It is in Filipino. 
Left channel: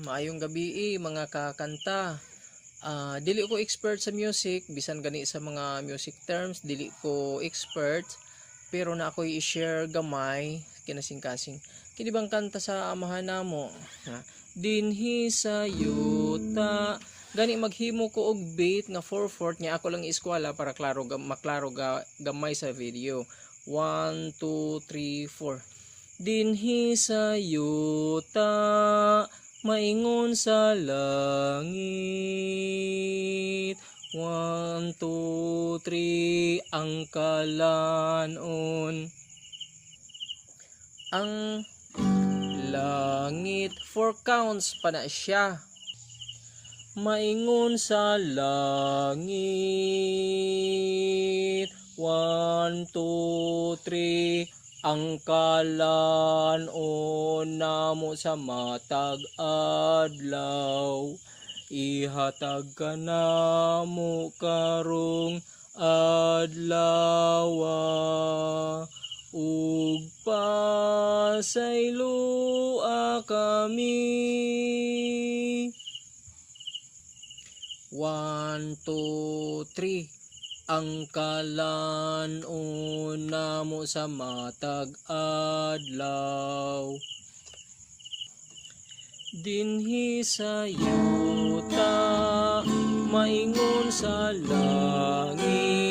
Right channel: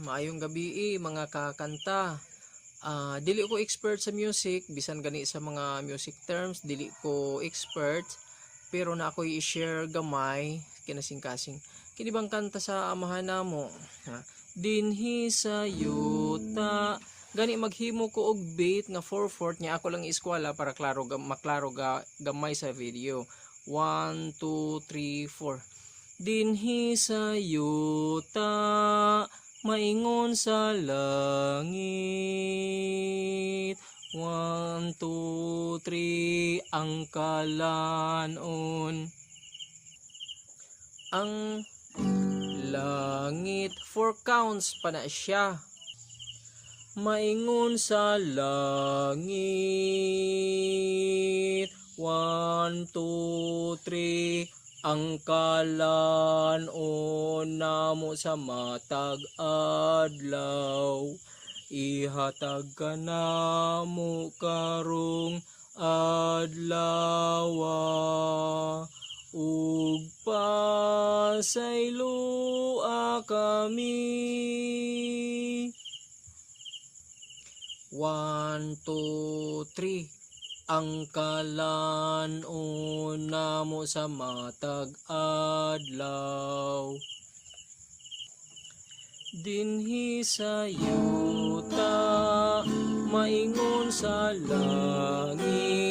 Maayong gabi mga kakanta. Dili ko expert sa music, bisan gani sa mga music terms, dili ko expert, pero na ako'y i-share gamay kinasing-kasing. Kini bang kanta sa amahan namo? Dinhi sa yuta. Gani maghimo ko og beat nga 4/4 niya ako lang iskwala para maklaro gamay sa video. 1 2 3 4. Dinhi sa yuta, maingon sa langit. 1 2 3, ang kalanon. Ang langit, 4 counts pa na siya. Maingon sa langit. 1 2 3, ang kalanon namo sa matag adlaw. Ihatag ka namo karong adlaw, ug pasaylua kami. 1 2 3, ang kalanon namo sa matag adlaw. Dinhi sa yuta, maingon sa langit.